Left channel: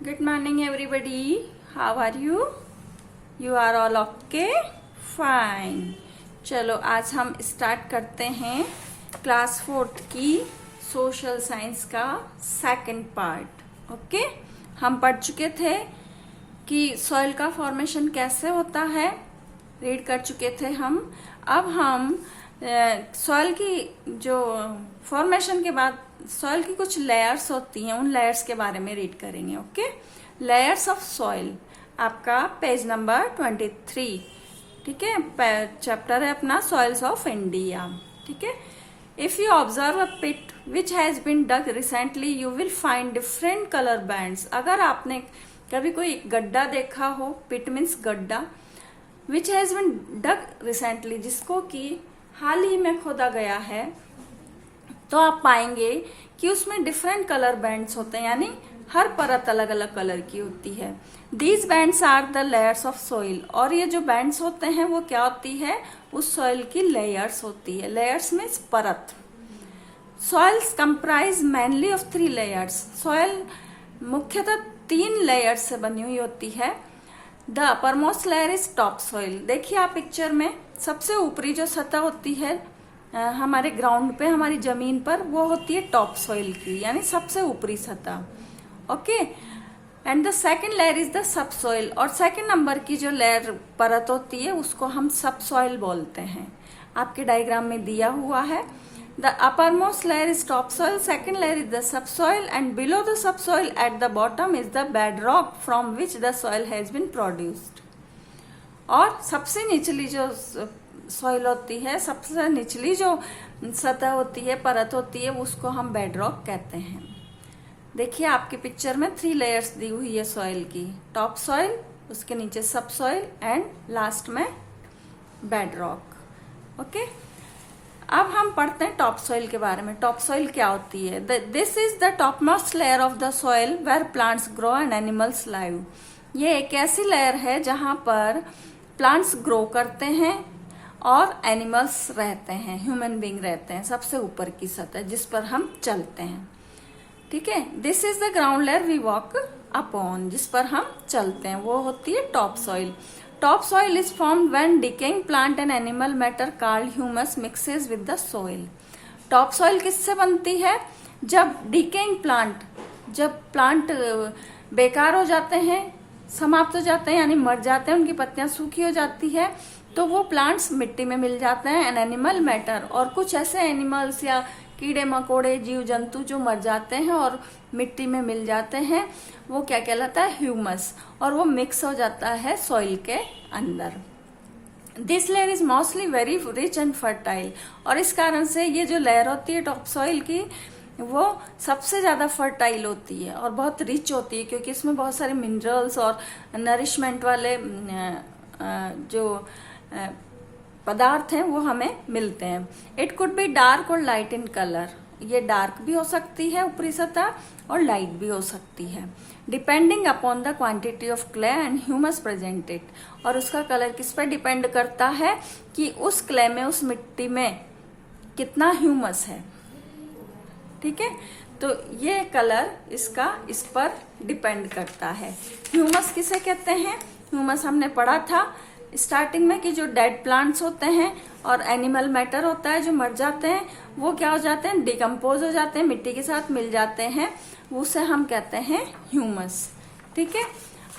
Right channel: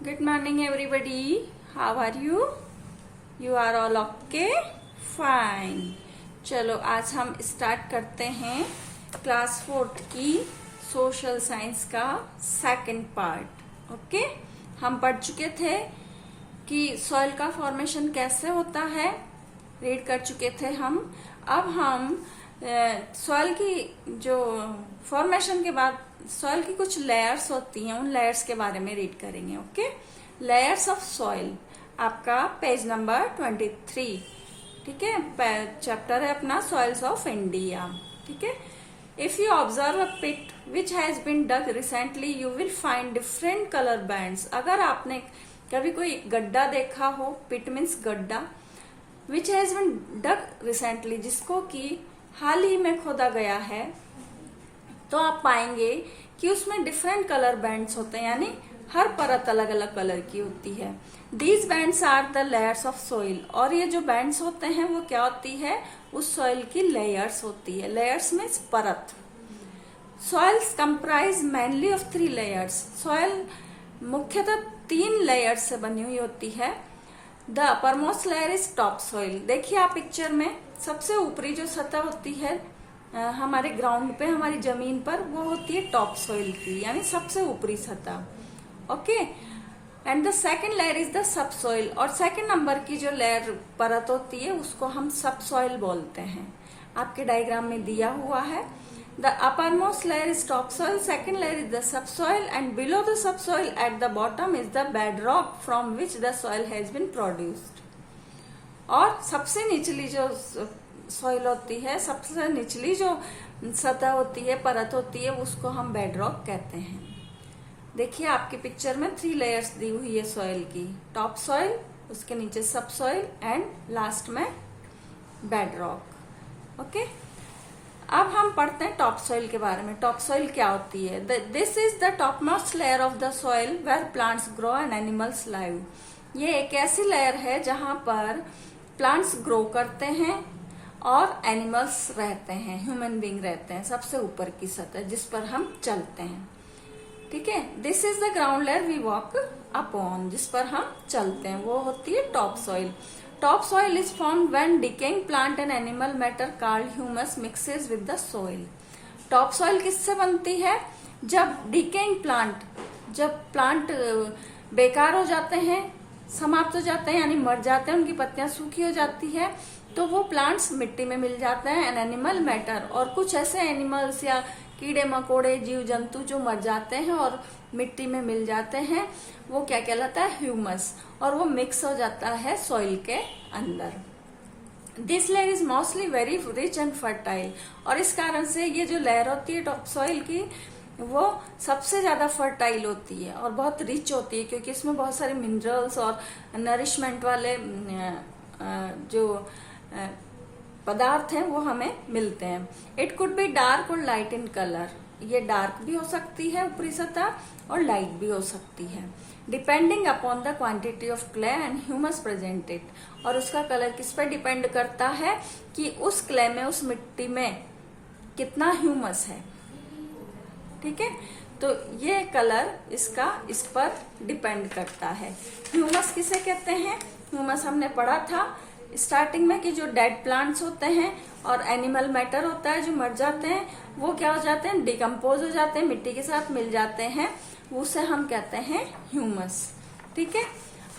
Good morning, everybody. How are you? You are all okay? Fine. चलो आज हम start करते हैं क्लास 4th की सोशल साइंस का सेकंड पार्ट। ओके, हम पढ़ चुके थे कि सॉइल का फॉर्मेशन कैसे होता है, रीड कर चुके थे हम। अब हम सॉइल की जो फॉर्मेशन के बाद सॉइल की कुछ लेयर्स होती हैं, उन लेयर्स के बारे में रीड करेंगे। ओके, लेयर्स ऑफ सॉइल, आपका पेज नंबर 23। ठीक है, चैप्टर है अपना सॉइल्स ऑफ इंडिया। ठीक है, if you observe a pit which has been dug recently you will find different colour bands. अगर आपने कभी कोई गड्ढा देखा हो, पिट मीन्स गड्ढा, which has been dug recently, जिसको कि हाल ही में खोदा गया है, तो आप पाएंगे कि उसमें डिफरेंट कलर बैंड्स होते हैं, यानी हर परत अलग अलग कलर की होती है। These bands are the layers of soil. और ये जो बैंड्स होते हैं वो क्या होती है, उस सॉइल की लेयर्स होती है। लेयर्स मीन्स परत। Soils comprise mainly of 3 layers. Soil मुख्यतः 3 लेयर्स से बनी हुई होती है। The upper most layer is top soil. देखिए आप पिक्चर में, सबसे ऊपरी जो सतह होती है हमारे ग्राउंड पे, हमारी जमीन पर, वो होती है टॉप सॉइल की, यानी सबसे ऊपरी सतह। Okay, and the second layer is the sub soil. और सेकंड नंबर की जो लेयर परत होती है उसको हम सब सॉइल बोलते हैं। आपके डायग्राम में दिया हुआ है, the upper most layer is top soil, second layer is the sub soil, and below the sub soil at the bottom is the bed rock from which the soil has been produced. और सबसे निचली जो soil होती है, सबसे निचली जो सतह होती है, परत होती है, उसको हम बेड रॉक कहते हैं। देखिए आपकी पिक्चर में 3 लेयर्स दी हुई है सॉइल की, टॉप सॉइल, उसके नीचे सब सॉइल एंड लास्ट में बेड रॉक। ओके, अब हम पढ़ते हैं टॉप सॉइल के बारे में। टॉप सॉइल क्या होती है? This is the top most layer of the soil where plants grow and animals live. ये एक ऐसी लेयर है जहां पर प्लांट्स ग्रो करते हैं और एनिमल्स रहते हैं, ह्यूमन बीइंग रहते हैं। सबसे ऊपर की सतह जिस पर हम चलते हैं। ठीक है, this is the ground layer we walk upon, जिस पर हम चलते हैं, वो होती है top soil. Top soil is formed when decaying plant and animal matter called humus mixes with the soil. Top soil किससे बनती है? जब डिकेइंग प्लांट, जब प्लांट बेकार हो जाते हैं, समाप्त हो जाते हैं, यानी मर जाते हैं, उनकी पत्तियां सूखी हो जाती है, तो वो प्लांट्स मिट्टी में मिल जाते हैं। एंड एनिमल मैटर, और कुछ ऐसे एनिमल्स या कीड़े मकोड़े, जीव जंतु जो मर जाते हैं और मिट्टी में मिल जाते हैं, वो क्या कहलाता है? ह्यूमस। और वो मिक्स हो जाता है सॉइल के अंदर। This layer is mostly very rich and fertile. और इस कारण से ये जो लेयर होती है टॉप सॉइल की, वो सबसे ज्यादा फर्टाइल होती है और बहुत रिच होती है, क्योंकि इसमें बहुत सारे मिनरल्स और नरिशमेंट वाले जो पदार्थ हैं वो हमें मिलते हैं। इट कुड बी डार्क और लाइट इन कलर। ये डार्क भी हो सकती है ऊपरी सतह और लाइट भी हो सकती है, depending upon the quantity of clay and humus presented. और उसका कलर किस पर डिपेंड करता है कि उस क्ले में, उस मिट्टी में कितना ह्यूमस है। ठीक है, तो ये कलर इसका इस पर डिपेंड करता है। ह्यूमस किसे कहते हैं? ह्यूमस हमने पढ़ा था स्टार्टिंग में कि जो डेड प्लांट्स होते हैं और एनिमल मैटर होता है जो मर जाते हैं, वो क्या हो जाते हैं? डिकम्पोज हो जाते हैं, मिट्टी के साथ मिल जाते हैं, उसे हम कहते हैं ह्यूमस। ठीक है,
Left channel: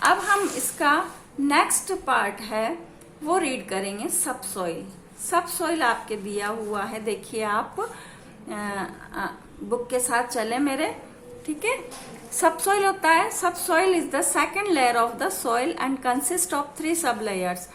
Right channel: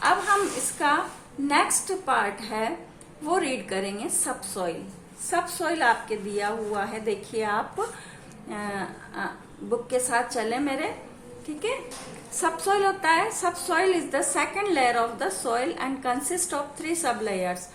अब हम इसका नेक्स्ट पार्ट है वो रीड करेंगे, सब सॉइल। सब सॉइल आपके दिया हुआ है, देखिए आप बुक के साथ चले मेरे। ठीक है, सब सॉइल होता है, सब soil is the second layer of the soil and consist of 3 सब लेयर्स।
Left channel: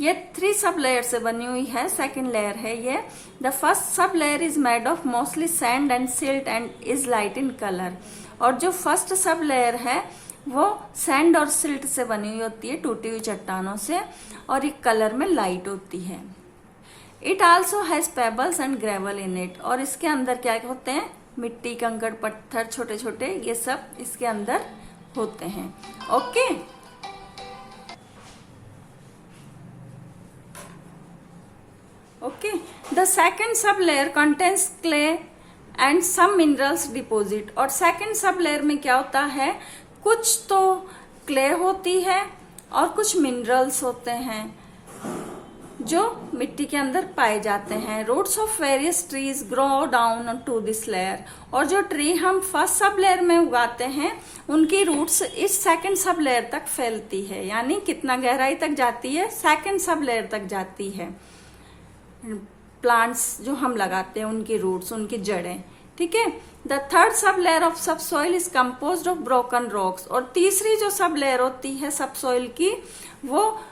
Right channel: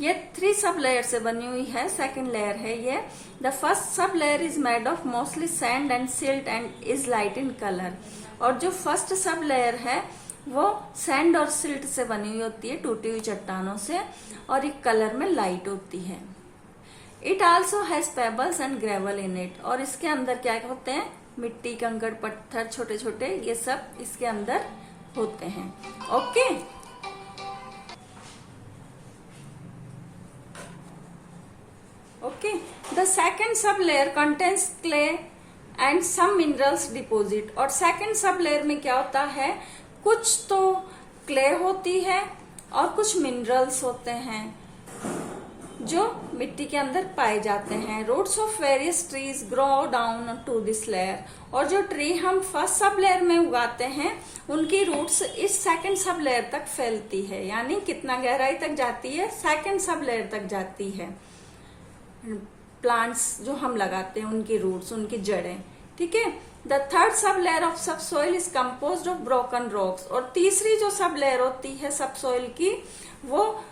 ये 3 सब लेयर से बनी हुई है, सेकंड लेयर है ये। The first sub layer is made of mostly sand and silt and is light in colour. और जो फर्स्ट सब लेयर है वो सैंड और सिल्ट से बनी हुई होती है, टूटी हुई चट्टानों से, और एक कलर में लाइट होती है। It also has pebbles and gravel in it. और इसके अंदर क्या होते हैं? मिट्टी, कंकड़, पत्थर, छोटे छोटे, ये सब इसके अंदर होते हैं। Okay, okay, the second sub layer contains clay and some minerals deposit. और सेकेंड सब लेयर में क्या होता है? कुछ तो क्ले होती है और कुछ मिनरल्स होते हैं जो मिट्टी के अंदर पाए जाते हैं। Roots of various trees grow down to this layer. और जो ट्री हम फर्स्ट सब लेयर में उगाते हैं उनकी रूट्स इस सेकंड सब लेयर तक फैलती है, यानी कितना गहराई तक जाती है, सेकंड सब लेयर तक जाती है। प्लांट्स जो हम लगाते हैं उनकी रूट्स, उनकी जड़ें, ठीक है। The third sublayer of subsoil is compose of broken rocks. और तीसरी जो सब लेयर होती है सब सॉइल की, वो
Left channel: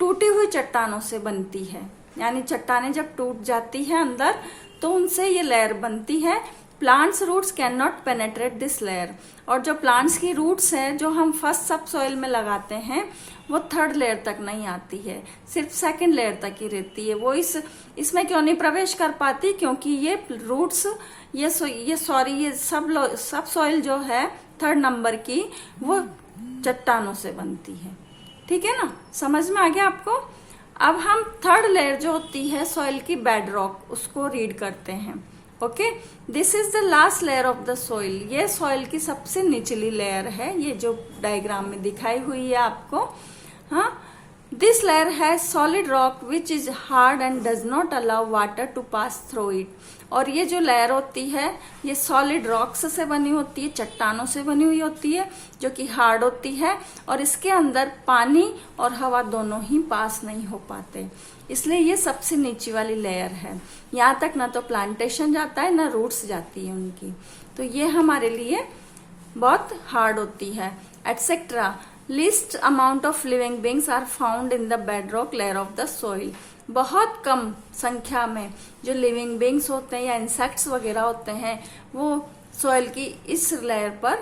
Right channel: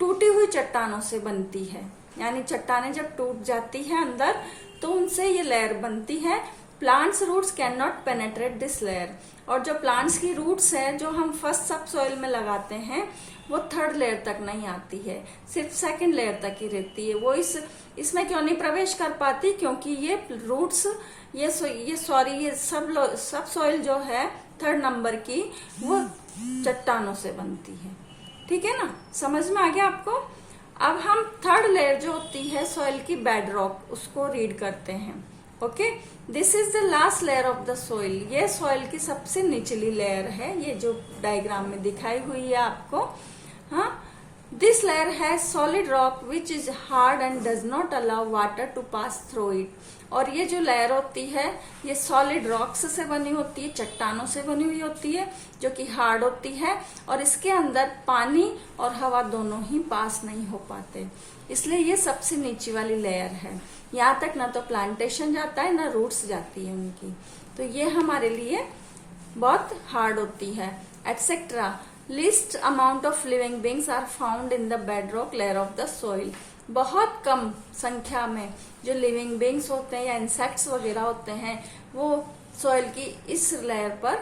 टूटी हुई चट्टानों से बनती है, यानी चट्टानें जब टूट जाती है अंदर तो उनसे ये लेयर बनती है। Plants roots can not penetrate this layer. और जो प्लांट्स की रूट्स है जो हम फर्स्ट सब सॉइल में लगाते हैं वो थर्ड लेयर तक नहीं आती है, सिर्फ सेकंड लेयर तक ही रहती है। वो इसमें क्यों नहीं प्रवेश कर पाती, क्योंकि ये रूट्स ये सब सॉइल जो है थर्ड नंबर की वो चट्टानों से बनती है, ठीक है ना। समझ में आ गया आपको। अब हम थर्ड लेयर जो होती है सॉइल की, बेड रॉक, उसको रीड करते हैं। Okay, this is the last layer of the soil. ये सॉइल की सबसे निचली लेयर है, ये जो डायग्राम में दिखाई हुई है आपको। हाँ, this layer has solid rock which is hard and does not allow water to pass through it. और ये जो लेयर होती है ये सॉलिड रॉक्स से बनी होती है, चट्टानों से बनी हुई होती है, जो कि हार्ड होती है और इसके अंदर पानी और हवा दोनों ही पास नहीं हो पाते, इसलिए ये सबसे नीचे वाली लेयर है। यहाँ तक ना तो प्लांटेशन जाता है ना रूट्स जाती है उनकी, तो ये हमारे लिए बहुत हार्ड होती है। Etcetera least amount of living beings are found in the bedrock layer of the soil. बहुत कम संख्या में जो लिविंग बींग्स होते हैं या इंसेक्ट्स वगैरह होते हैं वो सॉइल की इस लेयर पर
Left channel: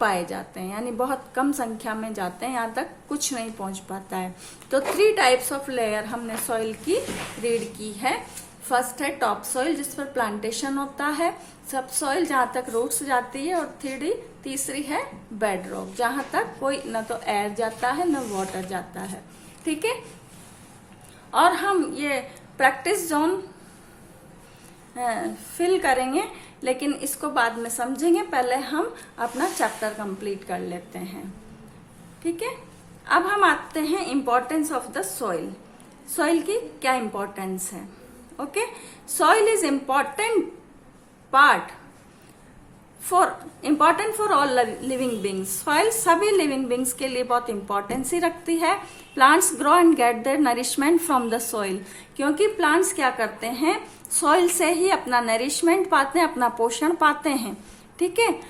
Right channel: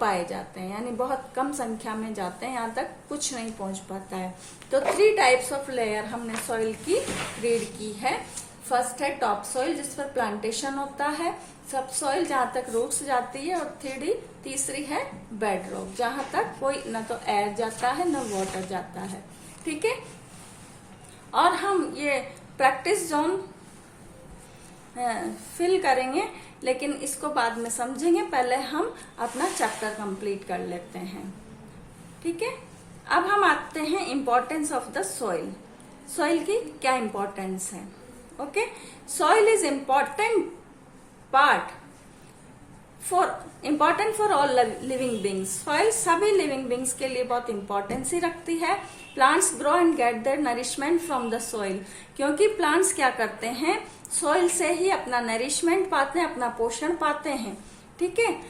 पाए जाते हैं, यानी बहुत कम संख्या में जाते हैं, यहाँ तक कुछ नहीं पहुंच पाता है। तो 3 टाइप्स ऑफ लेयर हमने सॉइल की रीड की है। फर्स्ट है टॉप सॉइल जिस पर प्लांटेशन होता है, सब सॉइल जहां तक रूट्स जाती है, और तीसरी है बेड रॉक जहां तक कोई न तो एयर जाता है न वाटर जाता है, ठीक है। और हम ये प्रैक्टिस जोन फिल करेंगे, लेकिन इसको बाद में समझेंगे, पहले हम अपना चैप्टर कंप्लीट कर लेते हैं, ठीक है। अब हम आते हैं importance of the soil. Soil की क्या इम्पोर्टेंस है? Okay, soil is important for all living beings. Soil सभी लिविंग बींग्स के लिए बहुत इंपॉर्टेंस ही रखती है। Plants grow and get their nourishment from the soil, क्योंकि प्लांट्स क्या करते हैं, सॉइल से ही अपना नरिशमेंट पाते हैं, अपना पोषण पाते हैं, ठीक है।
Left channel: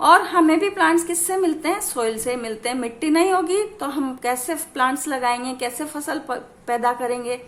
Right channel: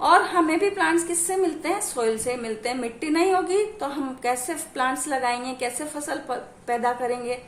और हमें भी प्लांट्स किससे मिलते हैं? सॉइल से मिलते हैं। मिट्टी नहीं होगी तो हम कैसे प्लांट्स लगाएंगे, कैसे फसल पैदा करेंगे,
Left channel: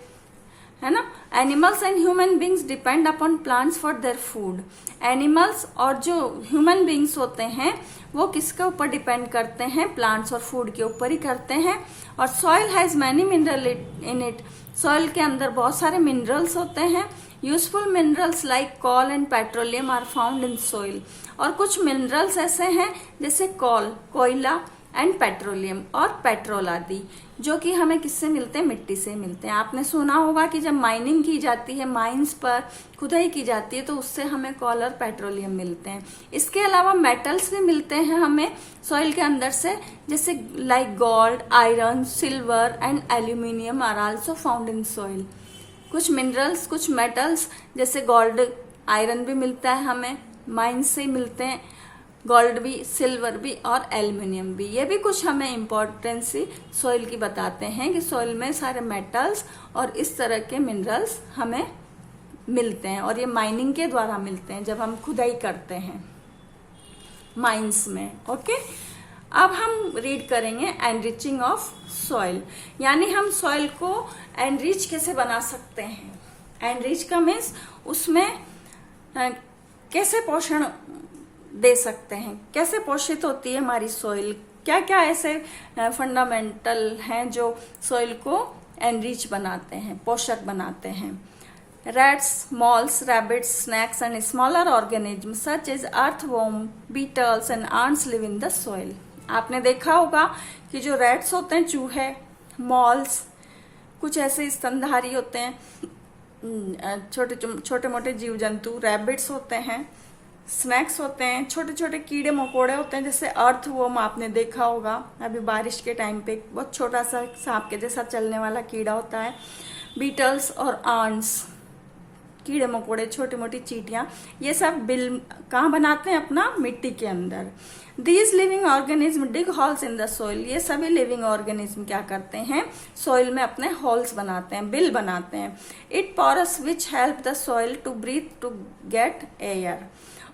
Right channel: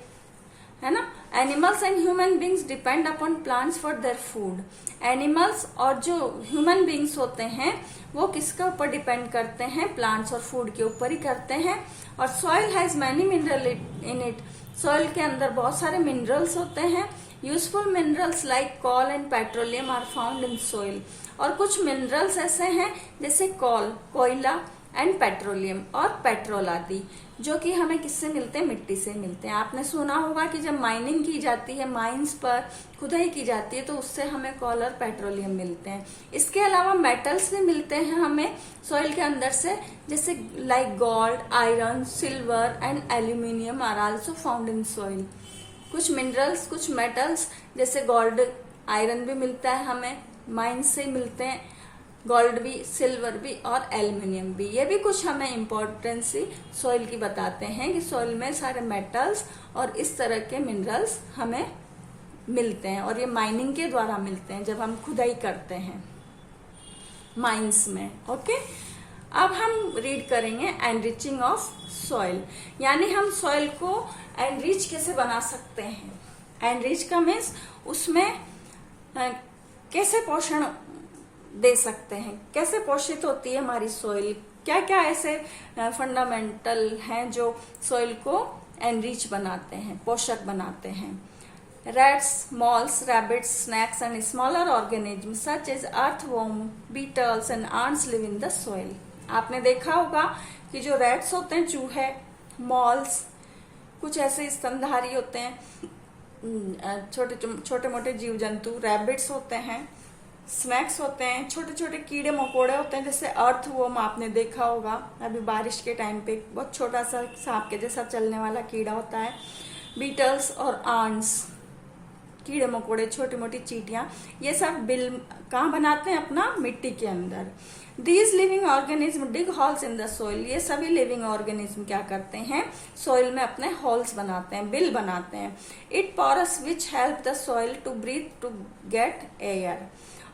है ना। Animals and human beings depend upon plants for their food. Animals और जो ह्यूमन बींग्स होते हैं वो किसके ऊपर डिपेंड करते हैं? प्लांट्स और फूड के ऊपर ही करते हैं। और soil has many mineral in it. Soil के अंदर बहुत सारे मिनरल्स होते हैं। Useful minerals like coal and petroleum are found in soil. और कुछ मिनरल्स ऐसे हैं जैसे कॉल, कोयला, एंड पेट्रोलियम और पेट्रोल आदि, जो कि हमें किससे मिलते हैं? मिट्टी से मिलते हैं। आपने सुना होगा कि जब माइनिंग की जाती है, माइंस पर खुदाई की जाती है, तो उससे हमें कॉल और पेट्रोलियम मिलते हैं। इसके अलावा मेटल्स भी मिलते हैं हमें सॉइल के अंदर से, जैसे like gold, iron, silver and aluminium are also found in soil. कुछ मिनरल्स, कुछ मेटल्स जैसे गोल्ड, आयरन भी मिलता है हमें, माइंस से मिलते हैं, गोल्ड भी, सिल्वर भी और एल्यूमिनियम भी। ये भी कुछ हमें इम्पोर्टेंस सॉइल की बताते हैं कि सॉइल में सारे मेटल्स और इस तरह के मिनरल्स हमें मिलते हैं, और ये माइनिंग के द्वारा मिलते हैं जब हम खुदाई करते हैं माइंस में। ओके, अब हम रीड करेंगे एनरिचिंग ऑफ सॉइल, यानी हम सॉइल को एनरिच कैसे बना सकते हैं। एनरिच का मीन्स उसमें कैसे पोषण दे सकते हैं, कैसे पोषित होती है हमारी सॉइल, क्या क्या ऐसे फंडामेंटल हैं जो सॉइल को एनरिच बनाते हैं, पोषक बनाते हैं। Rats, moles, rabbits, snakes and smaller organism such as earthworm, beetles and ants live in the soil. आपने देखा होगा कि जो रैट्स होते हैं, चूहे, मॉल्स, कुछ ऐसे स्तनधारी होते हैं, छोटे छोटे मोटे जीव जंतु, रैबिट्स होते हैं, स्नैक्स होते हैं, छोटे छोटे कीड़े मकोड़े होते हैं, जैसे अर्थवर्म आपने देखा होगा अभी बारिश के टाइम पे, बहुत छोटा सा सांप के जैसा चलने वाला कीड़ा होता है। बीटल्स और आंट्स, कीड़े मकोड़े, छोटी मोटी चींटियां, ये सब बिल कहाँ बनाते हैं? अपना मिट्टी के अंदर। These living organism dig holes in the soil, ये सभी लिविंग ऑर्गेनिज्म क्या करते हैं? सोइल में अपने होल्स बनाते हैं, बिल बनाते हैं। It porous which help the soil to breathe to get air,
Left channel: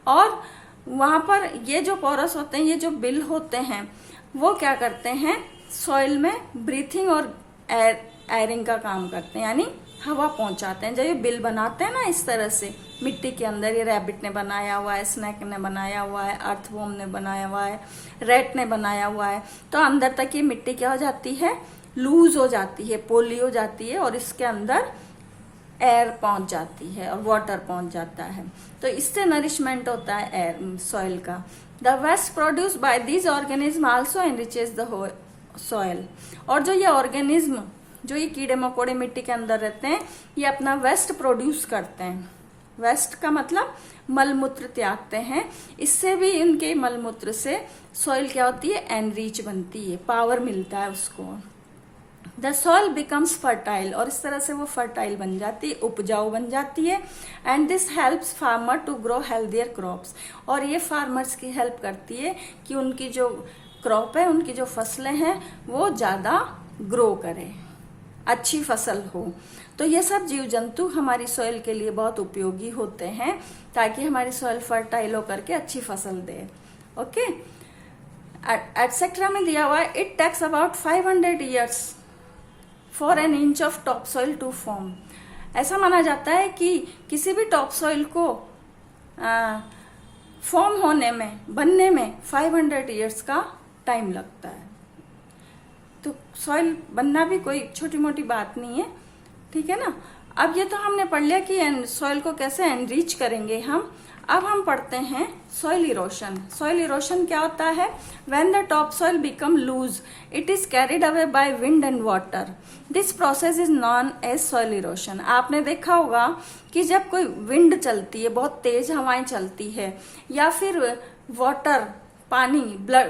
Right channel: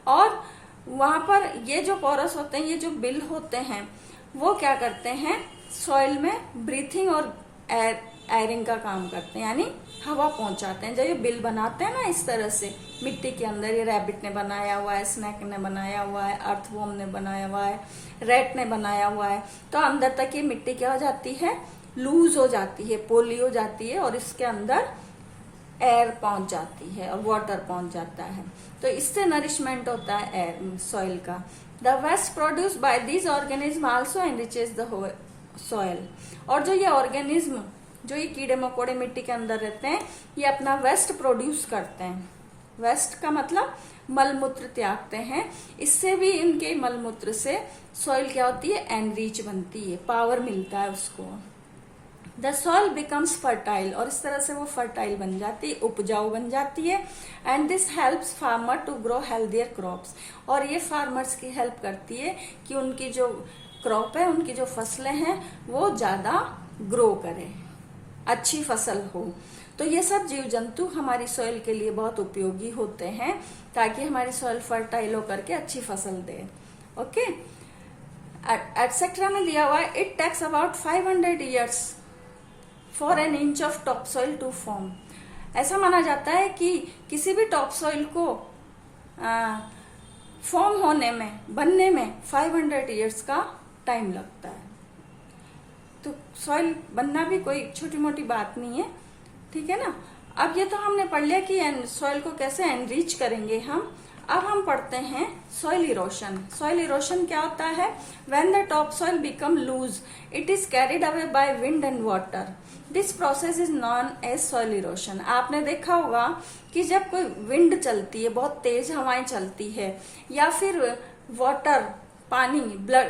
और वहां पर ये जो पोरस होते हैं, ये जो बिल होते हैं, वो क्या करते हैं? सॉइल में ब्रीथिंग और एयरिंग का काम करते हैं, यानी हवा पहुंचाते हैं। जब ये बिल बनाते हैं ना इस तरह से मिट्टी के अंदर, ये रैबिट ने बनाया हुआ है, स्नेक ने बनाया हुआ है, अर्थवर्म ने बनाया हुआ है, रैट ने बनाया हुआ है, तो अंदर तक ये मिट्टी क्या हो जाती है? लूज हो जाती है, पोली हो जाती है, और इसके अंदर एयर पहुंच जाती है और वाटर पहुंच जाता है। तो इससे नरिशमेंट होता है एयर सॉइल का। The waste produce by these organism also enriches the soil, और जो ये ऑर्गेनिज्म, जो ये कीड़े मकोड़े मिट्टी के अंदर रहते हैं, ये अपना वेस्ट प्रोड्यूस करते हैं। वेस्ट का मतलब मलमूत्र त्यागते हैं, इससे भी इनके मलमूत्र से सॉइल क्या होती है? एनरिच बनती है, पावर मिलता है उसको। द सॉइल बिकम्स फर्टाइल, और इस तरह से वो फर्टाइल बन जाती है, उपजाऊ बन जाती है। And this helps farmer to grow healthier crops, और ये फार्मर्स की हेल्प करती है कि उनकी जो क्रॉप है, उनकी जो फसलें हैं, वो ज्यादा ग्रो करें, अच्छी फसल हो। तो ये सब जीव जंतु हमारी सॉइल के लिए बहुत उपयोगी होते हैं, ताकि हमारी सॉइल फर्टाइल होकर के अच्छी फसल दे। ओके, एटसेट्रा में दिया हुआ है, it takes about 500 years for an inch of top soil to form. ऐसा माना जाता है कि किसी भी टॉप सॉइल को फॉर्म होने में, बनने में 500 years का टाइम लगता है। तो सॉइल बनना भी कोई छोटी मोटी बात नहीं है, ठीक है ना। अब ये तो हमने पढ़ लिया कि सॉइल को कैसे एनरिच करेंगे हम। अब हम पढ़ते हैं सॉइल इरोशन। सॉइल इरोशन क्या होता है? When the top soil become loose, it is carried away by wind and water. This process is known as soil erosion. आपने देखा होगा कि जब कोई विंड चलती है, बहुत तेज हवाएं चलती है, या फिर वाटर, पानी,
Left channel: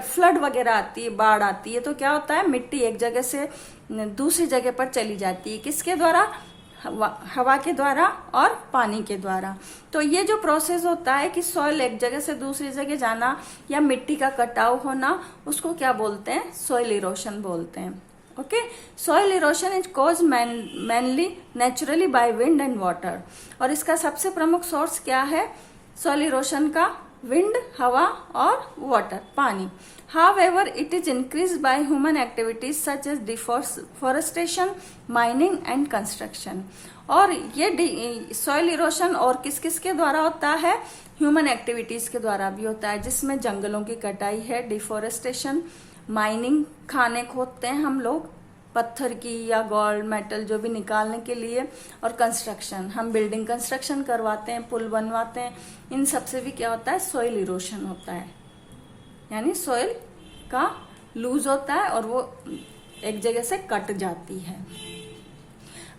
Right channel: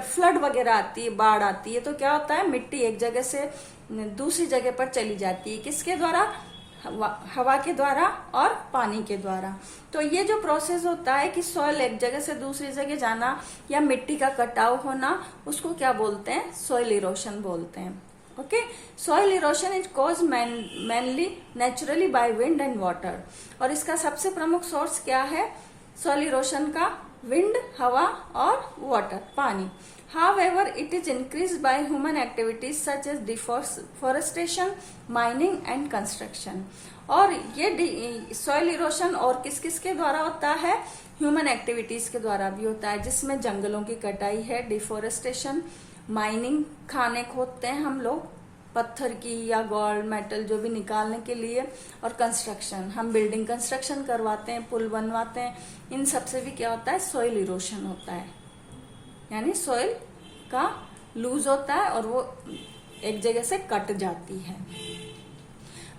फ्लड वगैरह आती है, बाढ़ आती है, तो क्या होता है? मिट्टी एक जगह से दूसरी जगह पर चली जाती है। किसके द्वारा? हवा के द्वारा और पानी के द्वारा। तो ये जो प्रोसेस होता है कि सॉइल एक जगह से दूसरी जगह जाना या मिट्टी का कटाव होना, उसको क्या बोलते हैं? सॉइल इरोशन बोलते हैं। Okay, soil erosion is cause mainly naturally bye wind and water, और इसका सबसे प्रमुख सोर्स क्या है सॉइल इरोशन का? विंड, हवा और वाटर, पानी। However, it is increased by human activities such as deforestation, mining and construction. और ये सॉइल इरोशन और किस किस के द्वारा होता है? ह्यूमन एक्टिविटीज के द्वारा भी होता है, जिसमें जंगलों की कटाई है, डिफोरेस्टेशन, माइनिंग, खाने खोदते हैं हम लोग पत्थर की या गोल्ड मेटल जो भी निकालने के लिए, और कंस्ट्रक्शन, हम बिल्डिंग कंस्ट्रक्शन करवाते हैं, पुल बनवाते हैं, इन सब से भी क्या होता है? सॉइल इरोशन होता है, यानी सॉइल का लूज होता है और वो एक जगह से कट जाती है।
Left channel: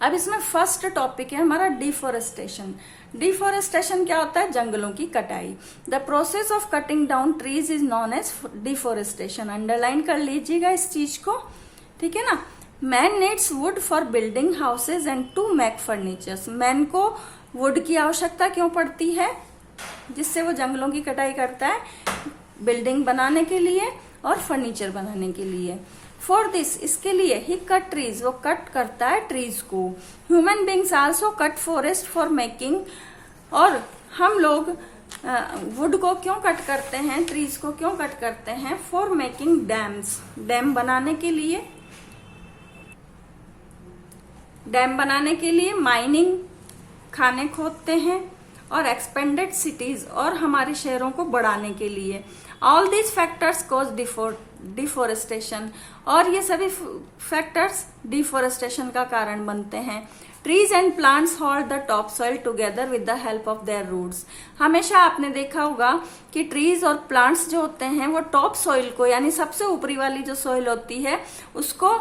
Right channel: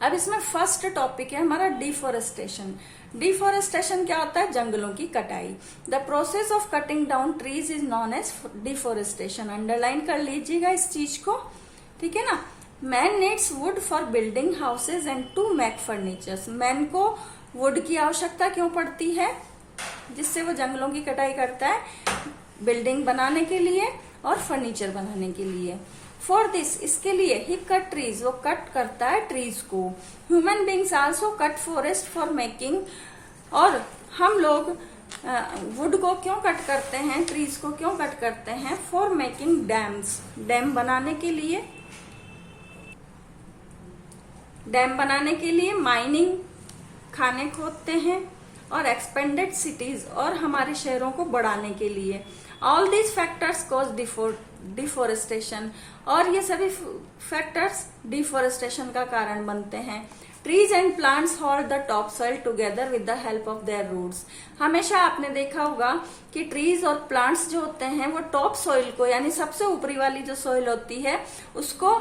अब इसमें फर्स्ट टॉपिक है हमारा डिफोरेस्टेशन। डिफोरेस्टेशन क्या होता है? जंगलों की कटाई। The process of cutting down trees is known as deforestation. Underline कर लीजिएगा इस चीज को, ठीक है ना। Man needs wood for building houses and to make furnitures. Man को वुड की आवश्यकता क्यों पड़ती है? जिससे वो जंगलों की कटाई करता है, बिल्डिंग बनाने के लिए और फर्नीचर बनाने के लिए। फॉर दिस, इसके लिए, ही कट ट्रीज, वो कट करता है ट्रीज को। Human beings also cut forest for making, और हम लोग वुड को क्यों कट करते हैं, ट्रीज को क्यों कट करते हैं? फॉर मेकिंग डैम्स, डैम बनाने के लिए, डैम बनाने के लिए, माइनिंग, खाने खोदते हैं, और एक्सपेंडेड सिटीज, और हमारे शहरों को बढ़ाने के लिए। All these factors cause deforestation, और ये सभी फैक्टर्स डिफोरेस्टेशन का कारण बनते हैं। Trees and plants hold the top soil together with the help of their roots. हमेशा आपने देखा होगा कि ट्रीज और प्लांट्स जो होते हैं वो टॉप सॉइल को, यानी सबसे ऊपरी वाली जो सॉइल होती है, उसको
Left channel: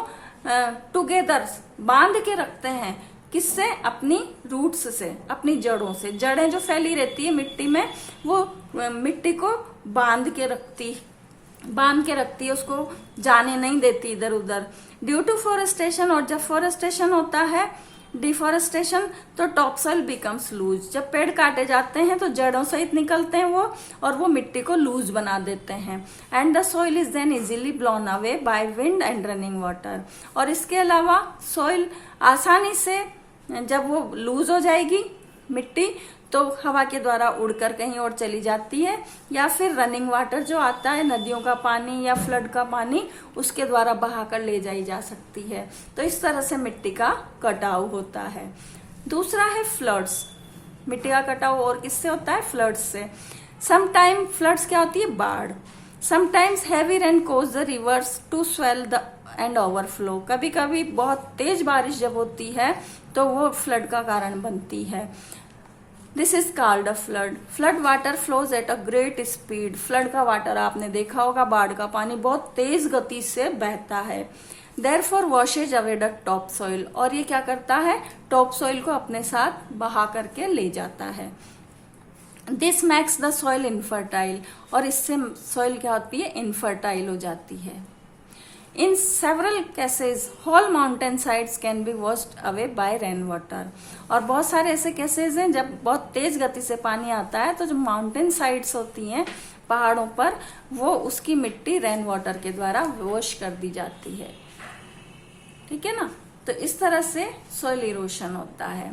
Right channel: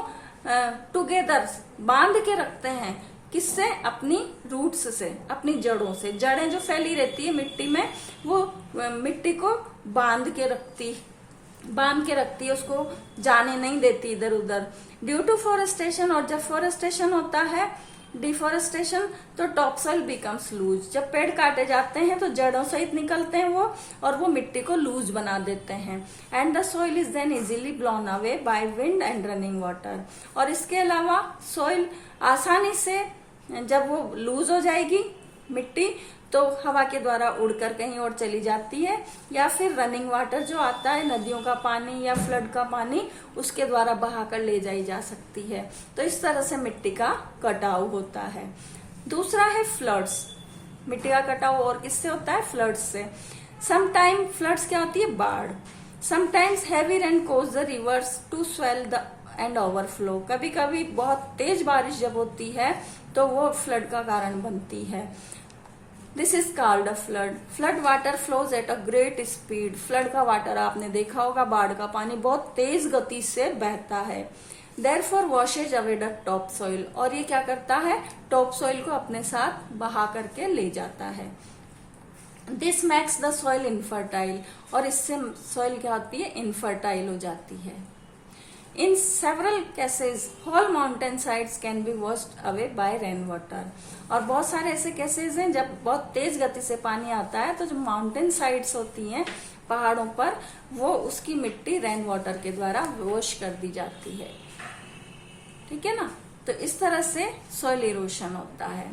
टुगेदर बांध के रखते हैं। किससे? अपनी रूट्स से, अपनी जड़ों से। जड़ें जो फैली रहती है मिट्टी में, वो मिट्टी को बांध के रखती है, उसको जाने नहीं देती इधर उधर। ड्यू टू फॉरेस्टेशन, और जब फॉरेस्टेशन होता है, डिफॉरेस्टेशन, तो टॉप सॉइल बिकम्स लूज। जब पेड़ काटे जाते हैं तो जड़ों सहित निकलते हैं वो, और वो मिट्टी को लूज बना देते हैं। And the soil is then easily blown away by wind and running water. और इसके अलावा सॉइल आसानी से, जब वो लूज हो जाएगी मिट्टी, तो हवा के द्वारा उड़कर कहीं और चली जाती है, या फिर रनिंग वाटर जो आता है, नदियों का पानी या फ्लड का पानी, उसके द्वारा बहाकर ले जाई जा सकती है। तो इस तरह से मिट्टी का कटाव होता है। दूसरा है फ्लड्स। मिट्टी का कटाव और किससे होता है? फ्लड्स से। समटाइम फ्लड्स क्या होती है? बाढ़। Sometimes heavy rain cause the rivers to swell the and overflow. कभी कभी बहुत तेज बारिश जब होती है तो वो फ्लड का कारण बनती है। This is called a flood. Flood water flows at a great speed. Flood का वाटर आपने देखा होगा, बाढ़ का पानी बहुत तेज गति से बहता है। Therefore washes away the top soil. और ये क्या करता है? टॉप सॉइल को अपने साथ बहा करके ले जाता है। This makes the soil infertile. और इससे सॉइल क्या होती है? इनफर्टाइल हो जाती है। In several cases, whole mountain sides can be washed away by rain water. और बहुत सारे ऐसे केसेस हैं जब बहुत तेज गति से पानी आता है, तो जो माउंटेन साइड्स होती हैं पहाड़ों पर, वो उसकी मिट्टी रेन वाटर के द्वारा वॉश कर दी जाती है। ठीक है ना? तो इस तरह से सॉइल इरोशन होता है।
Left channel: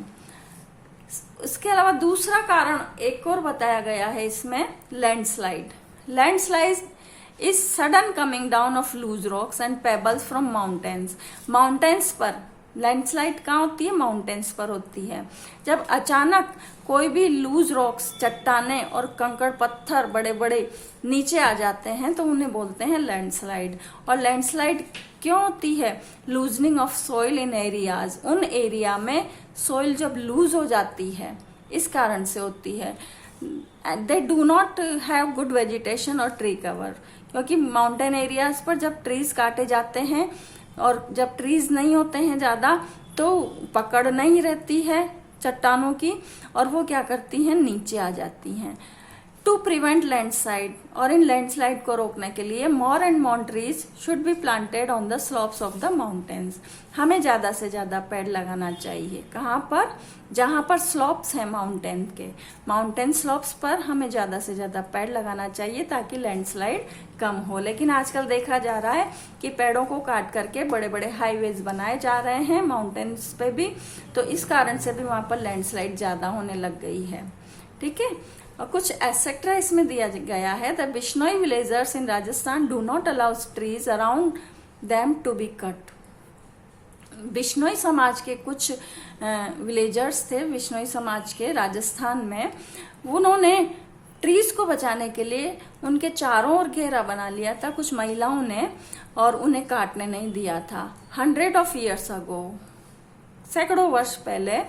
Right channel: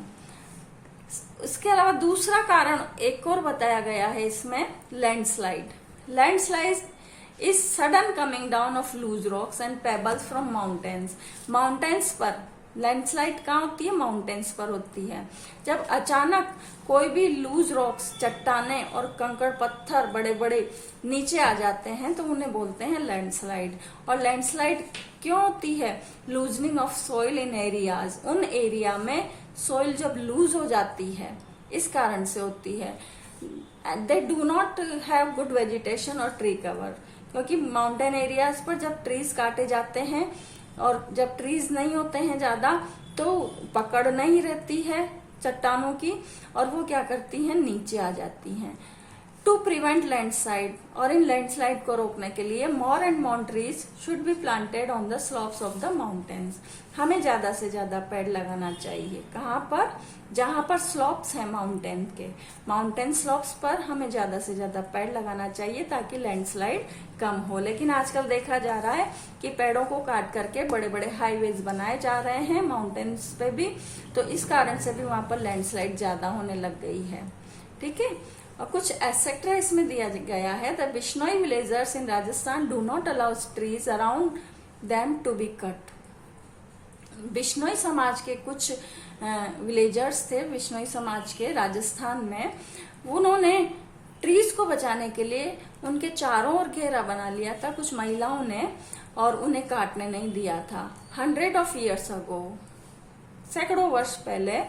इसके अलावा दूसरा कारण एक और बताया गया है इसमें, landslide. Landslide is sudden coming down of loose rocks and pebbles from mountains. Mountains पर लैंडस्लाइड कहाँ होती है? माउंटेन्स पर होती है। जब अचानक कोई भी लूज रॉक्स, चट्टाने और कंकड़ पत्थर बड़े बड़े नीचे आ जाते हैं तो उन्हें बोलते हैं लैंडस्लाइड। और लैंडस्लाइड क्यों होती है? Loosening of soil in areas. उन एरिया में सॉइल जब लूज हो जाती है, इस कारण से होती है। They do not have good vegetation और ट्री कवर। क्योंकि माउंटेन एरियाज पर जब ट्रीज काटे जाते हैं, और जब ट्रीज नहीं होते हैं ज्यादा, तो पकड़ नहीं रहती है चट्टानों की, और वो क्या करती हैं? नीचे आ जाती हैं। टू प्रिवेंट लैंडस्लाइड, और इन लैंडस्लाइड को रोकने के लिए more and more trees should be planted on the slopes of the mountains. हमें ज्यादा से ज्यादा पेड़ लगाना चाहिए। कहाँ पर? जहां पर स्लोप्स है माउंटेन के, माउंटेन स्लोप्स पर हमें ज्यादा से ज्यादा पेड़ लगाना चाहिए ताकि लैंडस्लाइड कम हो। लेकिन आजकल देखा जा रहा है कि पेड़ों को काट करके बड़े बड़े हाईवेज बनाए जा रहे हैं माउंटेन्स पे भी, तो इस कारण से भी वहां पर लैंडस्लाइड ज्यादा होने लग गई है। ठीक है? और कुछ एसेट्रा इसमें दिया गया है। The Bishnoi villagers in Rajasthan do not allow trees around them to be cut. Bishnoi समाज के कुछ विलेजर्स थे, बिश्नोई समाज के राजस्थान में, उन्होंने ट्रीज को बचाने के लिए उनके चारों ओर घेरा बना लिया था कुछ महिलाओं ने, और उन्हें काटने नहीं दिया था। 100 of years ago, सैकड़ों वर्ष पहले,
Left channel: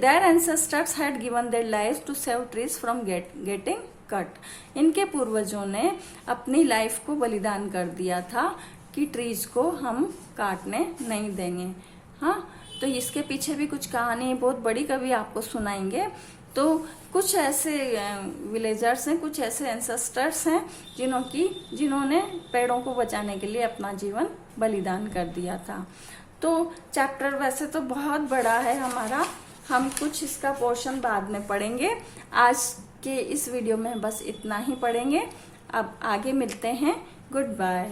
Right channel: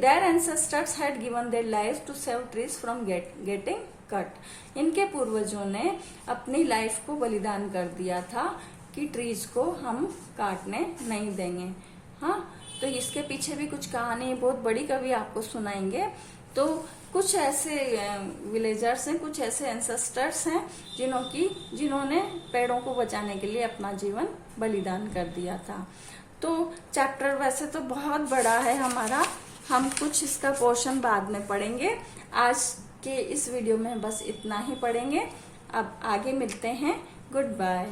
their ancestors had given their lives to save trees from getting cut. इनके पूर्वजों ने अपनी लाइफ को बलिदान कर दिया था कि ट्रीज को हम काटने नहीं देंगे। हाँ, तो इसके पीछे भी कुछ कहानी बहुत बड़ी कभी आपको सुनाएंगे। तो कुछ ऐसे विलेजर्स हैं, कुछ ऐसे एंसेस्टर्स हैं जिन्होंने पेड़ों को बचाने के लिए अपना जीवन बलिदान कर दिया था। तो चैप्टर वैसे तो बहुत बड़ा है हमारा, हम कुछ इसका पोर्शन बाद में पढ़ेंगे। आज के इस वीडियो में बस इतना ही पढ़ेंगे। अब आगे मिलते हैं। Good bye.